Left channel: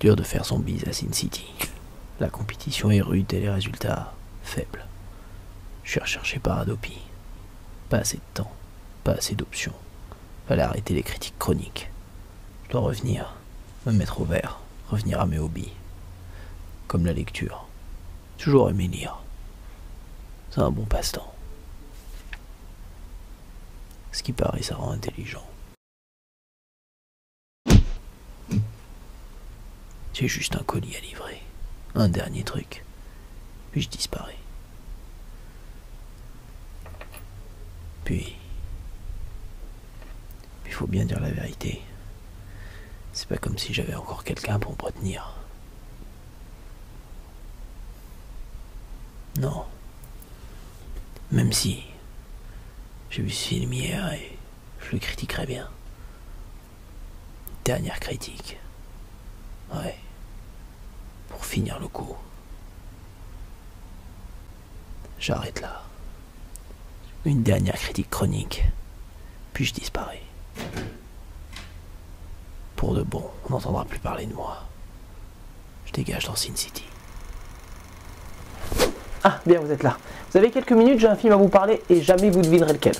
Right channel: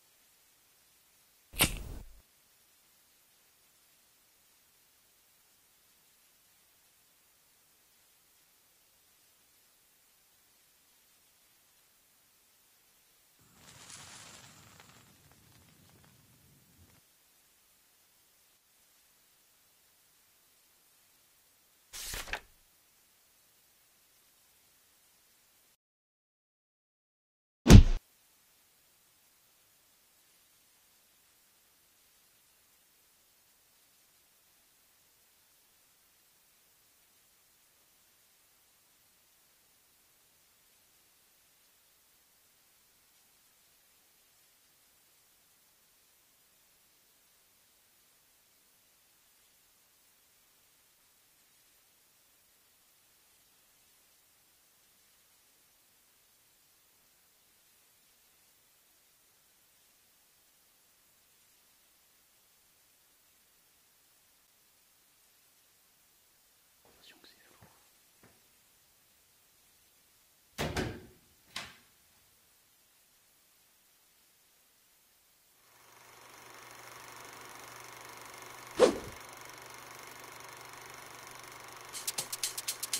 Dur de faire son bise à Sin City. La compétition est rude et les résultats faibles. Je suis recherché par Adopi. Pas assez de temps, pas assez d'options. Fallait arrêter les critiques chroniques. Je dois revenir, me mettre au vert, revenir à mes hobbies. Comme la lecture. Toujours aimé lire. C'est un bon passe-temps. Ce qui paraît, ça rend intelligent. J'ai juste un colis à livrer. Un dernier truc. Puis je disparais. Puis il faut bien dire la vérité. C'est pas comme si j'avais encore quelqu'un pour me retenir. Non. Même si j'ai vu ce film hier et je le critiquerais bien. Dernière critique. Ouais. Pour finir le coup. J'arrête là. Une dernière critique chronique. Puis je disparais. Pour de bon, on n'entendra plus parler de moi. Je dégage dans Sin City. Ah, bien, vous êtes là. Vous avez quelques minutes, j'ai un film à vous parler et jamais vous devinerez lequel.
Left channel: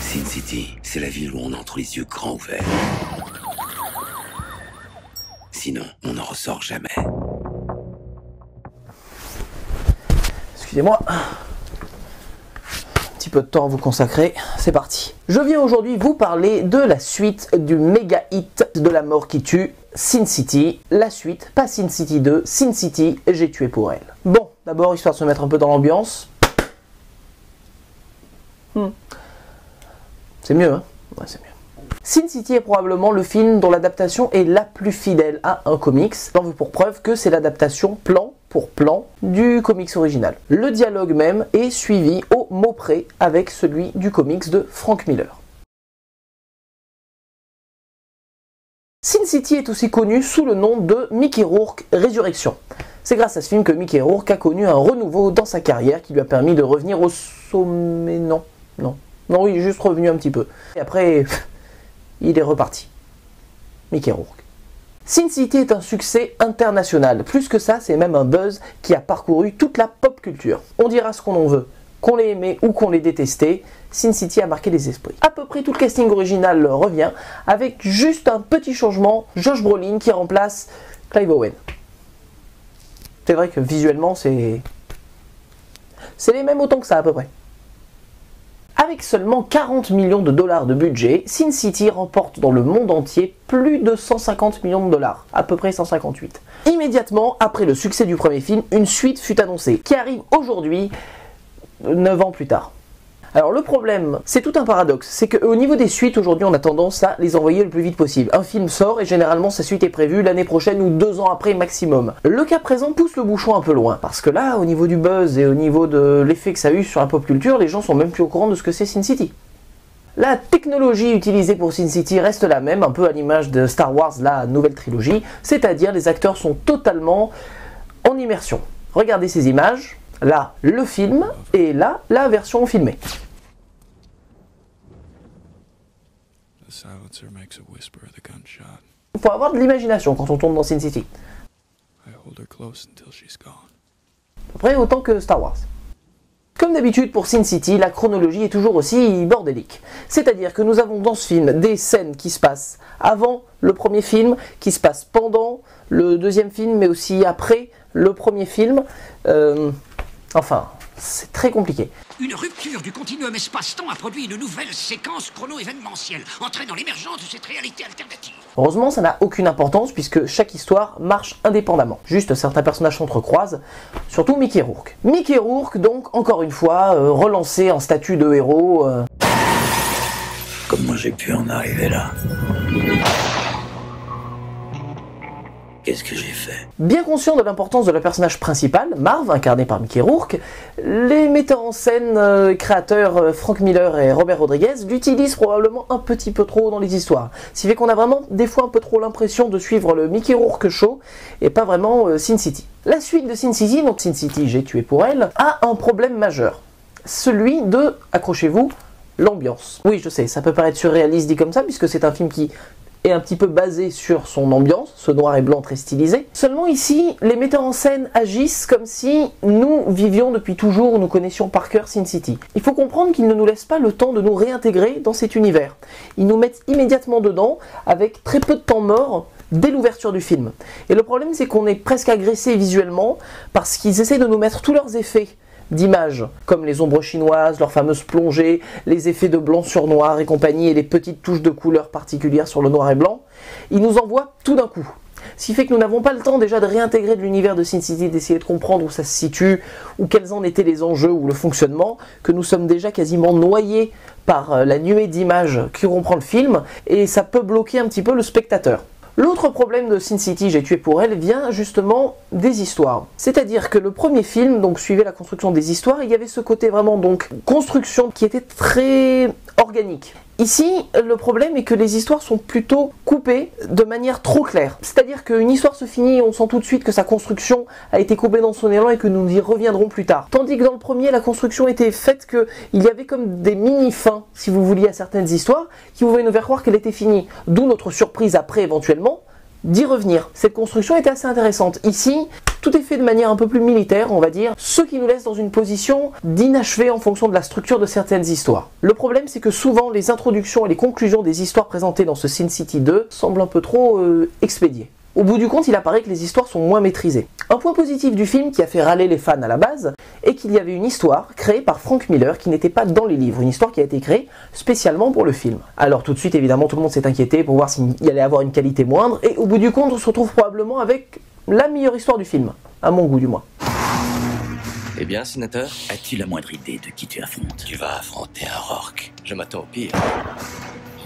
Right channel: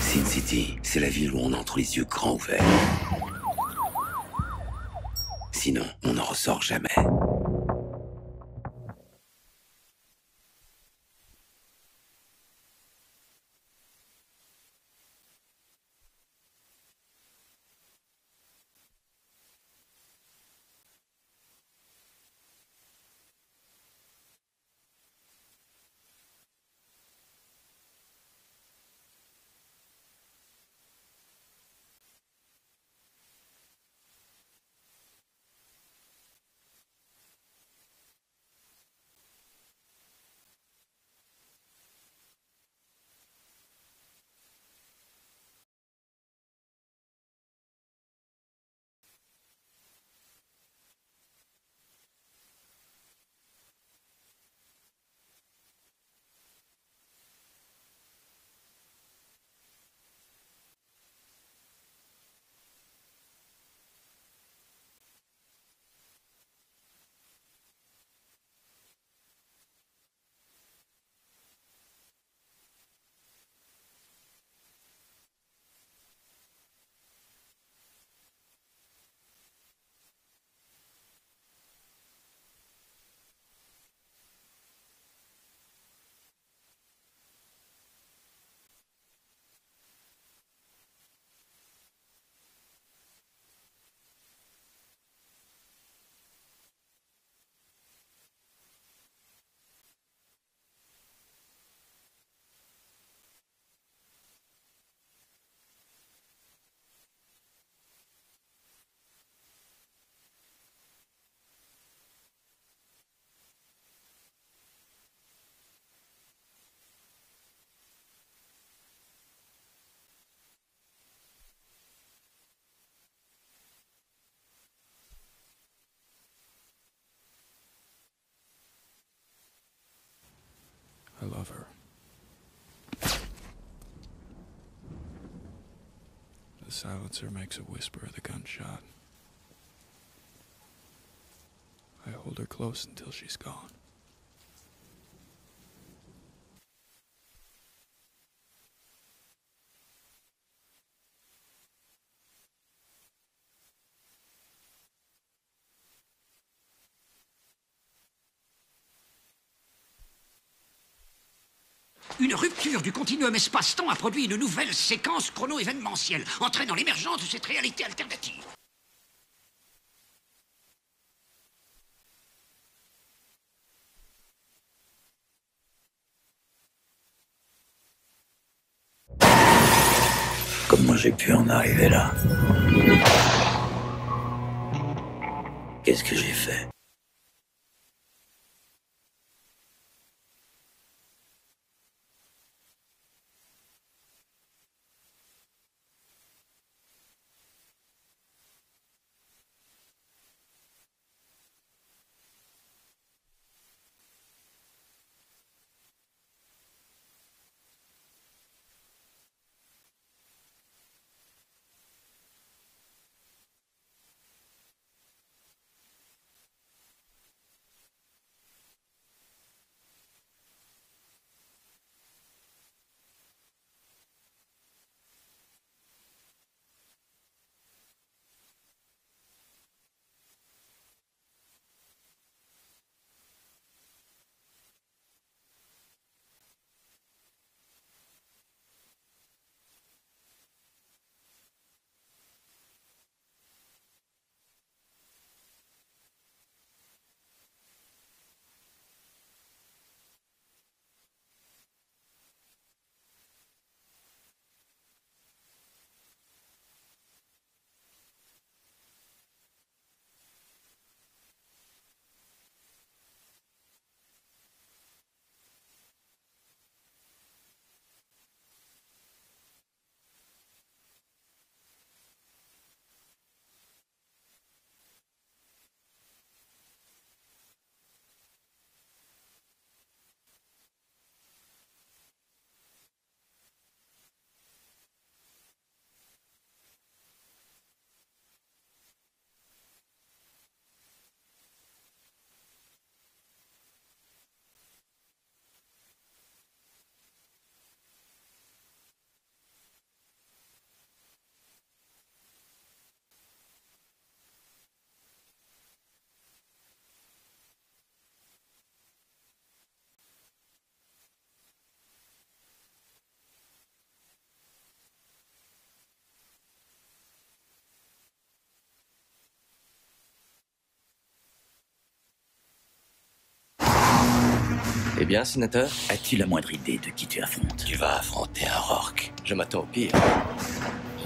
Sin City, c'est la ville où on entre les yeux grands ouverts. Sinon, on n'en ressort jamais. Excusez-moi. Un petit peu de temps à vous consacrer. C'est parti. Je viens aujourd'hui vous parler de la suite du méga hit de la mort qui tue, Sin City. La suite, pas Sin City 2, Sin City, j'ai tué pour elle. Bon, d'abord, histoire de se mettre un peu dans l'ambiance. C'est mieux, hein? Ouais, c'est mieux. Sin City est probablement le film dont l'adaptation est la plus fidèle à un comics. J'en veux pour preuve que c'est l'adaptation plan pour plan du comics original. Le dialogue même est suivi au mot près avec celui du comics de Frank Miller. Sin City est aussi connu sous le nom de Mickey Rourke Résurrection. C'est grâce à ce film que Mickey Rourke a connu un renouveau dans sa carrière qui lui a permis de revenir au sommet. Non, il est juste revenu un petit peu. Et après, il est reparti. Mickey Rourke. Sin City est un succès international. Plus que ça, c'est même un buzz qui a parcouru toute la pop culture. On dira ce qu'on en veut. Qu'on l'ait aimé ou qu'on l'ait détesté, Sin City a marqué les esprits. À peu près tout le casting original revient, avec juste un petit changement, Josh Brolin qui remplace Clive Owen. C'est vrai que visuellement, c'est les mêmes autant que ça à peu près. Avec seulement 40 millions de dollars de budget, Sin City remporte dans le monde entier plus de 150 millions de dollars, à peu près 158. Immédiatement après le succès du premier film, une suite fut annoncée, qui arrive aujourd'hui, 9 ans plus tard. Alors le problème, c'est tout un paradoxe, c'est qu'au niveau des suites, aujourd'hui on a tendance à les envoyer le plus vite possible. Un film sort et généralement sa suite est prévue l'année prochaine ou 2 ans après maximum. Le cas présent pousse le bouchon un peu loin, parce que là, au niveau du buzz et au niveau de l'effet que ça a eu sur la pop culture, les gens sont même plus au courant de ce que c'est Sin City. La technologie utilisée pour Sin City reste la même, un peu à l'image de Star Wars, la nouvelle trilogie, c'est-à-dire les acteurs sont totalement en immersion. Regardez ces images. Là, le film, et là, la version filmée. Il faut avoir de l'imagination quand on tourne dans Sin City. À peu près autant que Star Wars. Comme d'habitude pour Sin City, la chronologie est toujours aussi bordélique. C'est-à-dire que nous avons dans ce film des scènes qui se passent avant le premier film, qui se passent pendant le deuxième film, mais aussi après le premier film. Enfin, c'est très compliqué. Une rupture du continuum espace-temps a produit une nouvelle séquence chrono-événementielle, entraînant l'émergence de cette réalité alternative. Heureusement, ça n'a aucune importance puisque chaque histoire marche indépendamment. Juste certains personnages s'entrecroisent, surtout Mickey Rourke. Mickey Rourke, donc, encore une fois, relancé en statut de héros. Comment j'ai pu en arriver là? Qu'est-ce que j'ai fait? Bien conscient de l'importance de la personnage principal, Marv, incarné par Mickey Rourke, les metteurs en scène créateurs Frank Miller et Robert Rodriguez l'utilisent probablement un petit peu trop dans les histoires. Ce qui fait qu'on a vraiment des fois un peu trop l'impression de suivre le Mickey Rourke Show et pas vraiment Sin City. La suite de Sin City, donc Sin City J'ai tué pour elle, a un problème majeur. Celui de, accrochez-vous, l'ambiance. Oui, je sais, ça peut paraître surréaliste dit comme ça, puisque c'est un film qui est un petit peu basé sur son ambiance, ce noir et blanc très stylisé. Seulement ici, les metteurs en scène agissent comme si nous vivions depuis toujours, nous connaissions par cœur Sin City. Il faut comprendre qu'ils ne nous laissent pas le temps de nous réintégrer dans cet univers. Ils nous mettent immédiatement dedans, avec très peu de temps mort, dès l'ouverture du film. Et le problème, c'est qu'on est presque agressé visuellement, parce qu'ils essaient de nous mettre tous leurs effets d'images, comme les ombres chinoises, leurs fameuses plongées, les effets de blanc sur noir et compagnie, et les petites touches de couleurs particulières sur le noir et blanc. Ils nous envoient tout d'un coup. Ce qui fait que nous n'avons pas le temps déjà de réintégrer de l'univers de Sin City, d'essayer de comprendre où ça se situe, ou quels en étaient les enjeux ou le fonctionnement, que nous sommes déjà quasiment noyés par la nuée d'images qui comprend le film, et ça peut bloquer un petit peu le spectateur. L'autre problème de Sin City J'ai tué pour elle vient justement des histoires. C'est-à-dire que le premier film donc suivait la construction des histoires, et il y avait ce côté vraiment donc construction qui était très organique. Ici, le problème est que les histoires sont plutôt coupées de manière trop claire. C'est-à-dire qu'une histoire se finit et on sent tout de suite que sa construction a été coupée dans son élan et que nous y reviendrons plus tard. Tandis que dans le premier, la construction était faite qu'il y avait comme des mini-fins, si vous vouliez, à certaines histoires, qui pouvaient nous faire croire qu'elle était finie. D'où notre surprise après, éventuellement, d'y revenir. Cette construction était assez intéressante. Ici, tout est fait de manière un peu plus militaire, on va dire, ce qui nous laisse dans une position d'inachevé en fonction de la structure de certaines histoires. Le problème, c'est que souvent, les introductions et les conclusions des histoires présentées dans ce Sin City 2 semblent un peu trop expédiées. Au bout du compte, il apparaît que les histoires sont moins maîtrisées. Un point positif du film qui a fait râler les fans à la base est qu'il y avait une histoire créée par Frank Miller qui n'était pas dans les livres, une histoire qui a été créée spécialement pour le film. Alors tout de suite, évidemment, tout le monde s'est inquiété pour voir s'il allait avoir une qualité moindre, et au bout du compte, on se retrouve probablement avec la meilleure histoire du film, à mon goût du moins. Eh bien, sénateur, As-tu la moindre idée de qui tu affrontes? Tu vas affronter un Rourke. je m'attends au pire.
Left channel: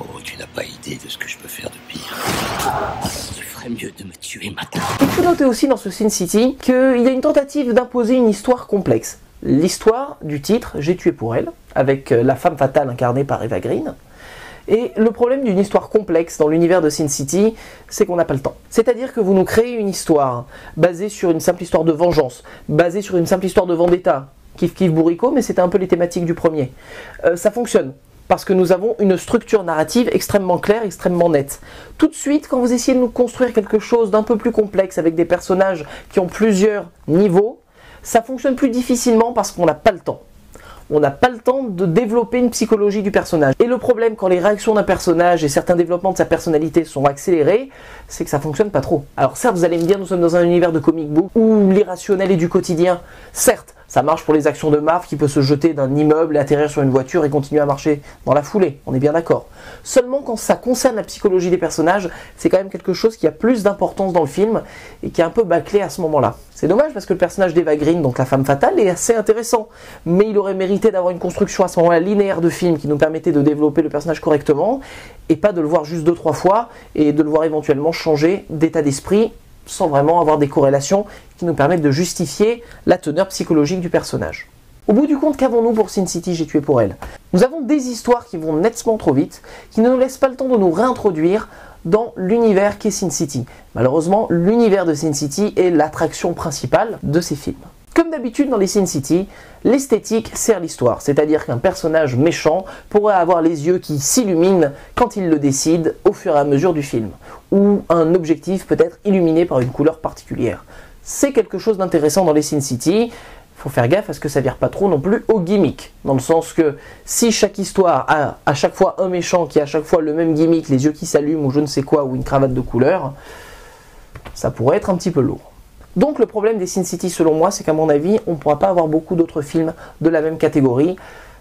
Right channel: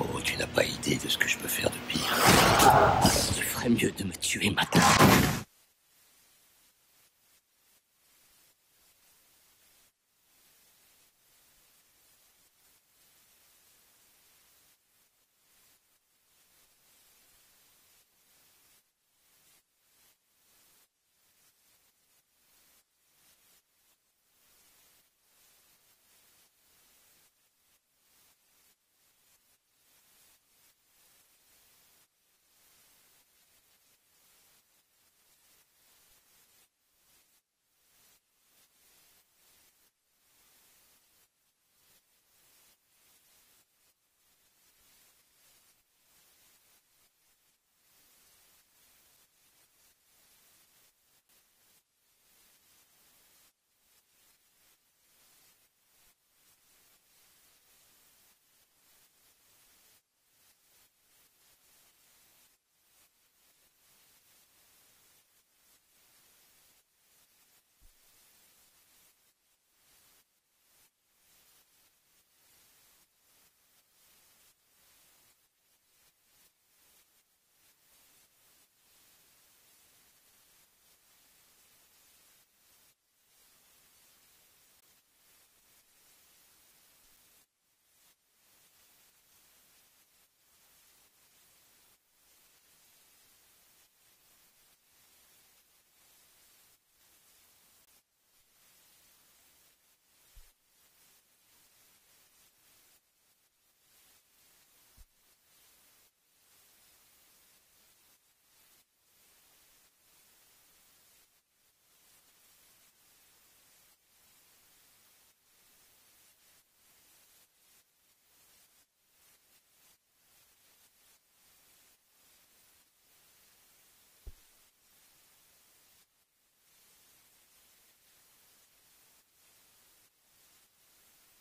Oh, tu n'as pas idée de ce que je peux faire de pire. Tu ferais mieux de me tuer maintenant. Il faut noter aussi dans ce Sin City qu'il y a une tentative d'imposer une histoire complexe. L'histoire du titre J'ai tué pour elle, avec la femme fatale incarnée par Eva Green. Et le problème d'une histoire complexe dans l'univers de Sin City, c'est qu'on n'a pas le temps. C'est-à-dire que vous nous créez une histoire basée sur une simple histoire de vengeance, basée sur une simple histoire de vendetta, kiff kiff bourricot, mais c'était un peu les thématiques du premier. Ça fonctionne, parce que nous avons une structure narrative extrêmement claire, extrêmement nette. Tout de suite, quand vous essayez de nous construire quelque chose d'un peu plus complexe, avec des personnages qui ont plusieurs niveaux, ça fonctionne plus difficilement parce qu'on n'a pas le temps. On n'a pas le temps de développer une psychologie du personnage. Et le problème quand les réactions d'un personnage et certains développements de sa personnalité sont accélérés, c'est que ça fonctionne pas trop. Alors certes, vous allez me dire, nous sommes dans un univers de comic book où l'irrationnel est du quotidien. Certes, ça marche pour les actions de Marv qui peut se jeter d'un immeuble et atterrir sur une voiture et continuer à marcher dans la foulée, on est bien d'accord. Seulement quand ça concerne la psychologie des personnages, c'est quand même quelque chose qui a plus d'importance dans le film et qui est un peu bâclé à ce moment-là. C'est dommage parce que le personnage d'Eva Green, donc la femme fatale, est assez intéressant, mais il aurait mérité d'avoir une construction à ce moment-là linéaire de film qui nous permettait de développer le personnage correctement et pas de le voir juste 2-3 fois et de le voir éventuellement changer d'état d'esprit sans vraiment avoir des corrélations qui nous permettent de justifier la teneur psychologique du personnage. Au bout du compte, qu'avons-nous pour Sin City J'ai tué pour elle? Nous avons des histoires qui vont nettement trop vite, qui ne nous laissent pas le temps de nous réintroduire dans l'univers qu'est Sin City. Malheureusement, l'univers de Sin City est l'attraction principale de ces films. Comme d'habitude dans les Sin City, l'esthétique sert l'histoire, c'est-à-dire qu'un personnage méchant pourrait avoir les yeux qui s'illuminent quand il le décide au fur et à mesure du film, ou un objectif peut être illuminé par une couleur particulière. C'est quelque chose d'intéressant dans les Sin City. Il faut faire gaffe à ce que ça vire pas trop non plus au gimmick, dans le sens que si chaque histoire a à chaque fois un méchant qui a à chaque fois le même gimmick, les yeux qui s'allument ou je ne sais quoi, ou une cravate de couleur, ça pourrait être un petit peu lourd. Donc le problème des Sin City selon moi, c'est qu'à mon avis, on ne pourra pas avoir beaucoup d'autres films de la même catégorie,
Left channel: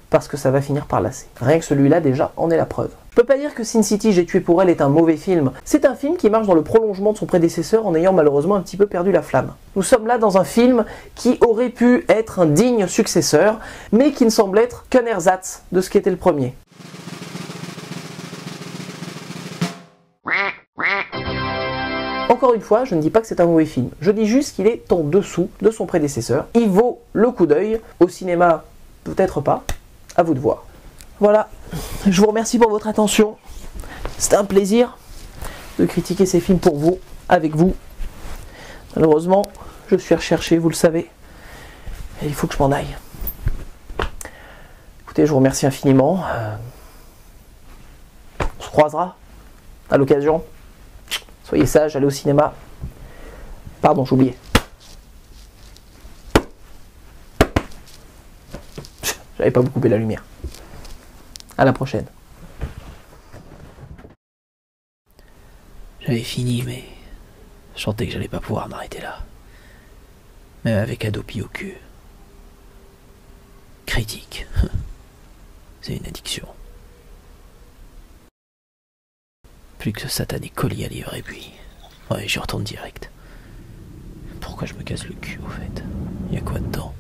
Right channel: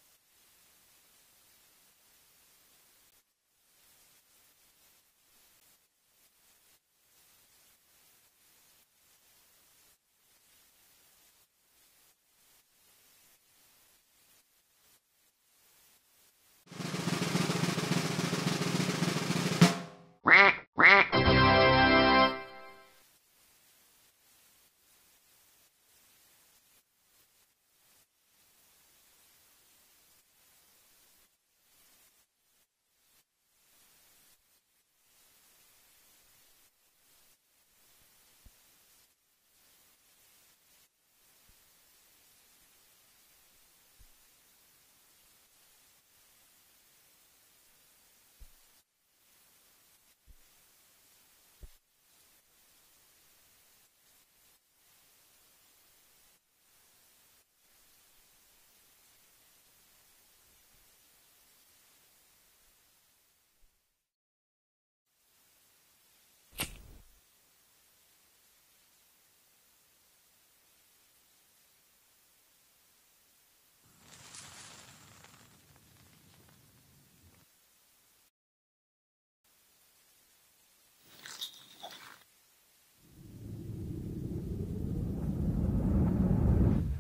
parce que ça va finir par lasser. Rien que celui-là déjà en est la preuve. Je peux pas dire que Sin City J'ai tué pour elle est un mauvais film. C'est un film qui marche dans le prolongement de son prédécesseur en ayant malheureusement un petit peu perdu la flamme. Nous sommes là dans un film qui aurait pu être un digne successeur, mais qui ne semble être qu'un ersatz de ce qu'était le premier. Encore une fois, je ne dis pas que c'est un mauvais film. Je dis juste qu'il est en dessous de son prédécesseur. Il vaut le coup d'œil. Au cinéma, peut-être pas. À vous de voir. Voilà. Je vous remercie pour votre attention. C'était un plaisir de critiquer ces films pour vous, avec vous. Malheureusement, je suis recherché, vous le savez. Et il faut que je m'en aille. Écoutez, je vous remercie infiniment. On se croisera à l'occasion. Soyez sages, allez au cinéma. Pardon, j'ai oublié. J'avais pas coupé la lumière. À la prochaine. J'avais fini, mais je sentais que j'allais pas pouvoir m'arrêter là. Même avec Adopi au cul. Critique. C'est une addiction. Plus que ce satané colis à livrer, et puis... Ouais, j'y retourne direct. Pourquoi je me casse le cul, au fait? Y a quoi dedans?